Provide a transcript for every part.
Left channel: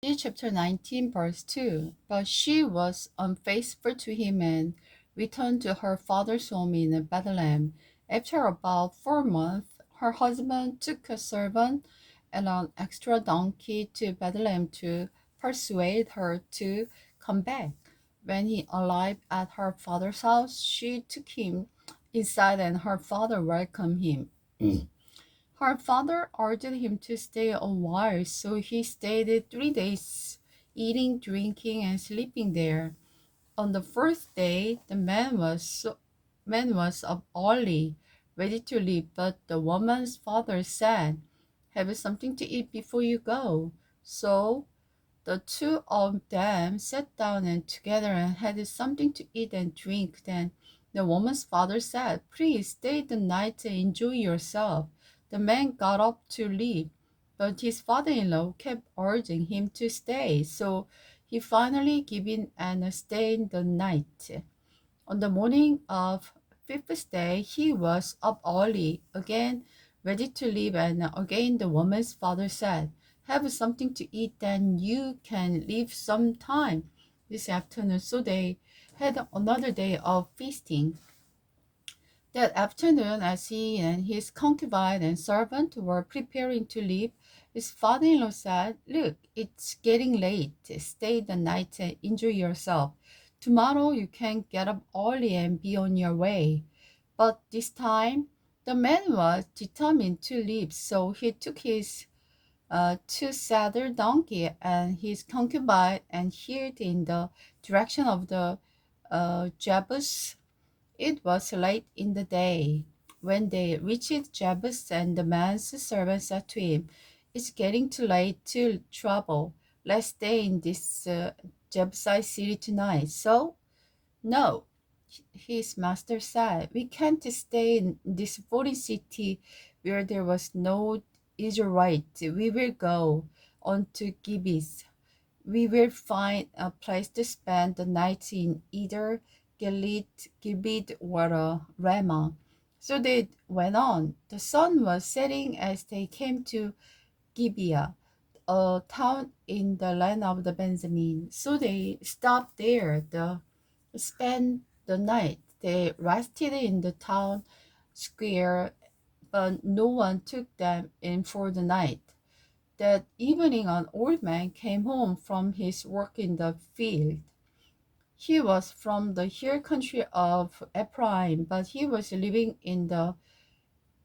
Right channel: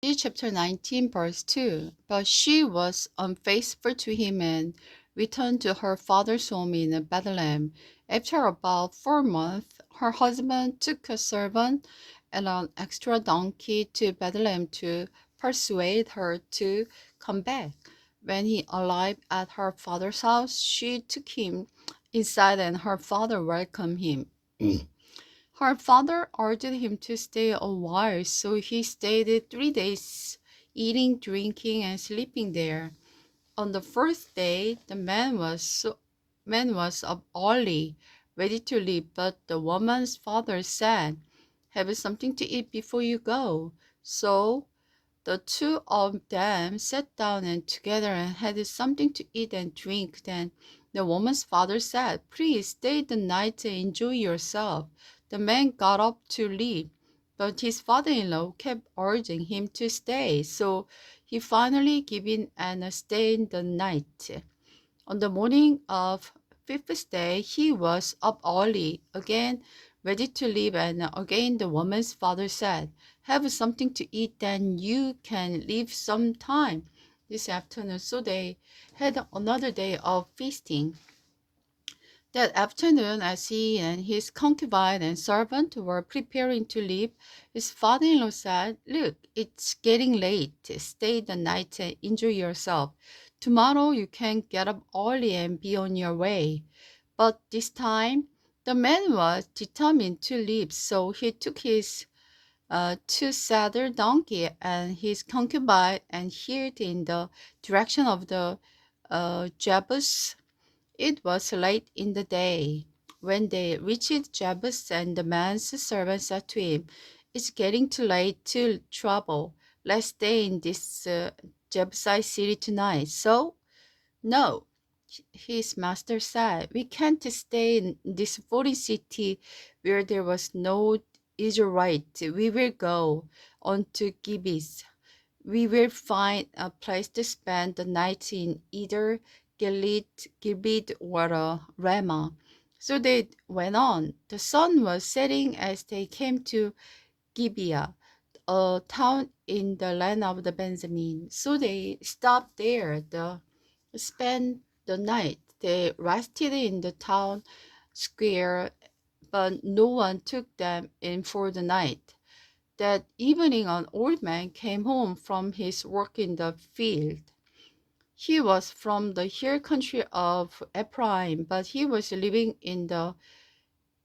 Chapter 19, verse 2. But she was unfaithful to him and returned to her father's home in Bethlehem. After about 4 months, her husband took a servant and an extra donkey to Bethlehem to persuade her to come back. When he arrived at her father's house, she took him inside and her father welcomed him. Her father urged him to stay a while, so he stayed 3 days, eating, drinking, and sleeping there. On the first day, the man was up early, ready to leave, but the woman's father said, "Have something to eat before you go." So the two of them sat down and together and had something to eat and drink. Then the woman's father said, "Please stay the night and enjoy yourself." The man got up to leave, but his father-in-law kept urging him to stay, so he finally gave in and stayed the night. On the morning of fifth day, he was up early, again ready to leave, and again the woman's father said, "Have something to eat, then you can leave some time this afternoon." So they had another day of feasting. That afternoon, as he and his concubine and servant were preparing to leave, his father-in-law said, "Look, it's getting late. Stay the night and enjoy yourself. Tomorrow you can get up early and be on your way." But this time, the man was determined to leave, so he took his two-saddle donkey and his concubine and hid in the direction of the Jebus. It was late in the day when they reached Jebus, and the man's servant said to him, "It's getting too late to travel. Let's stay in this Jebusite city tonight." "So, no," his master said, "we can't stay in this foreign city where there was no Israelite. We will go on to Gibeah. We will find a place to spend the night in either Gilead or Ramah." So they went on. The sun was setting as they came to Gibeah, a town in the land of the Benjamin. So they stopped there to spend the night. They rested in the town square, but no one took them in for the night. That evening, an old man came home from his work in the field. He was from the hill country of Ephraim, but he was living in the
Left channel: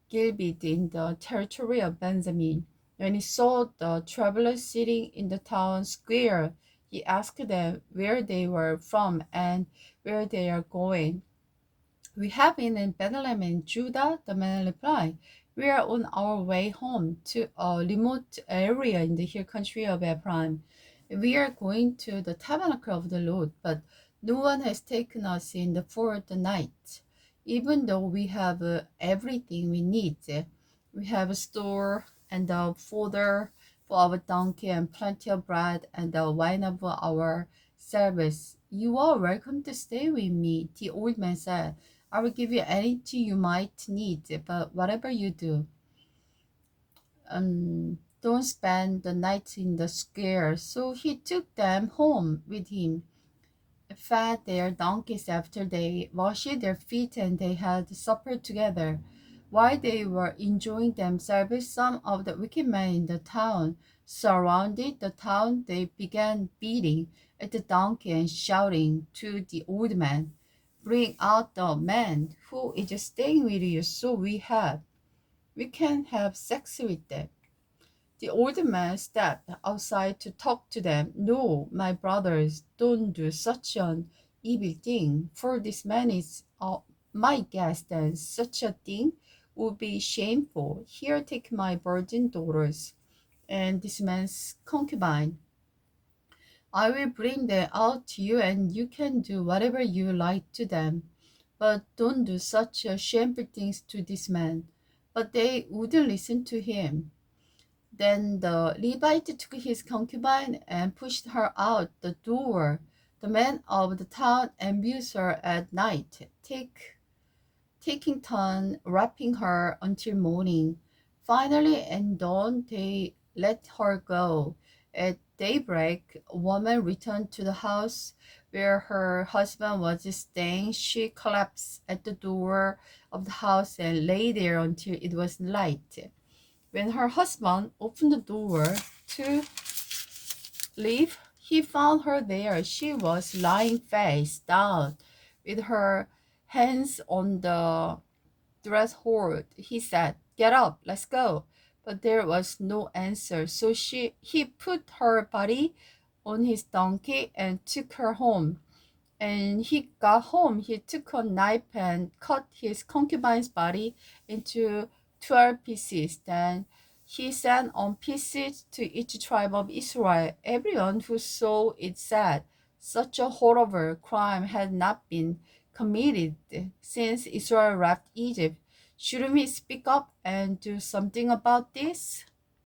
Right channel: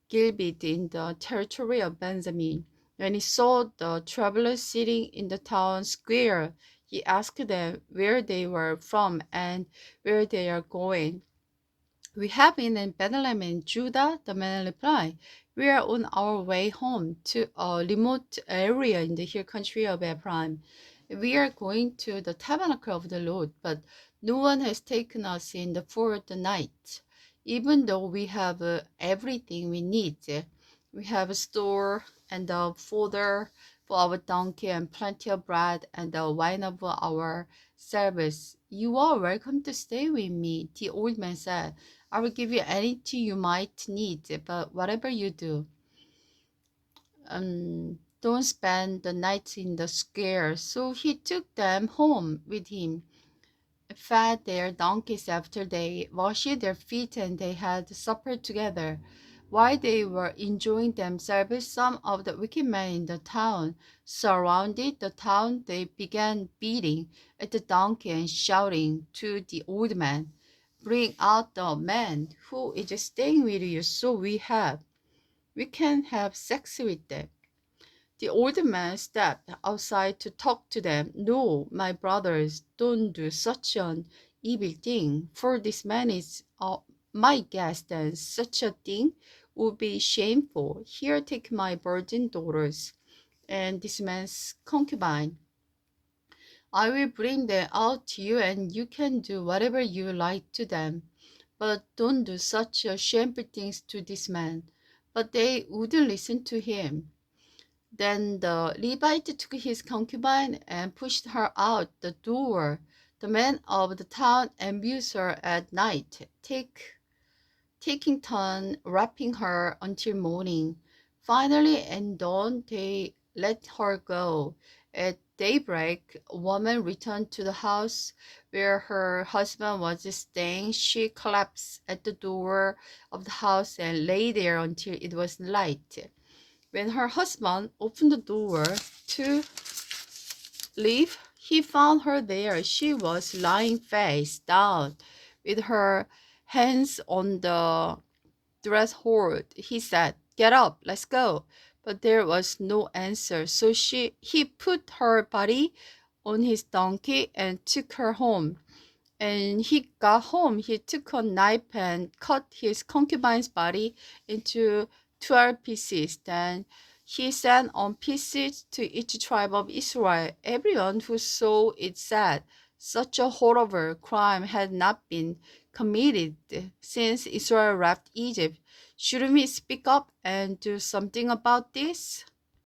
Gilead in the territory of Benjamin. When he saw the travelers sitting in the town square, he asked them where they were from and where they are going. "We have been in Bethlehem in Judah," the man replied. "We are on our way home to a remote area in the hill country of Ephraim. We are going to the tabernacle of the Lord, but no one has taken us in for the night. Even though we have everything we need, we have a store and a fodder for our donkey and plenty of bread and the wine of our service. You are welcome to stay with me," the old man said. "I will give you anything you might need, but whatever you do, don't spend the night in the square." So he took them home with him, fed their donkeys after they washed their feet, and they had supper together. While they were enjoying themselves, some of the wicked men in the town surrounded the town. They began beating at the donkey and shouting to the old man, "Bring out the man who is staying with you so we can have sex with them." The old man stepped outside to talk to them. "No, my brothers, don't do such an evil thing, for this man is my guest, and such a thing would be shameful. Here, take my virgin daughters and this man's concubine. I will bring them out to you, and you can do whatever you like to them. But don't do such shameful things to this man." But they wouldn't listen to him. Then the Levite took his concubine and pushed her out the door. The men of the town abused her at night, taking turn wrapping her until morning. Finally, at dawn, they let her go, At daybreak, a woman returned to the house where her husband was staying. She collapsed at the door of the house and lay there until it was light. When her husband opened the door to leave, he found her there. She was lying face down with her hands on the threshold. He said, "Get up, let's go." But there was no answer. So he put her body on his donkey and took her home. And he got home. He took a knife and cut his concubine's body into 12 pieces. Then he sent on pieces to each tribe of Israel. Everyone who saw it said, such a horrible crime had not been committed since Israel left Egypt. Shouldn't we speak up and do something about this?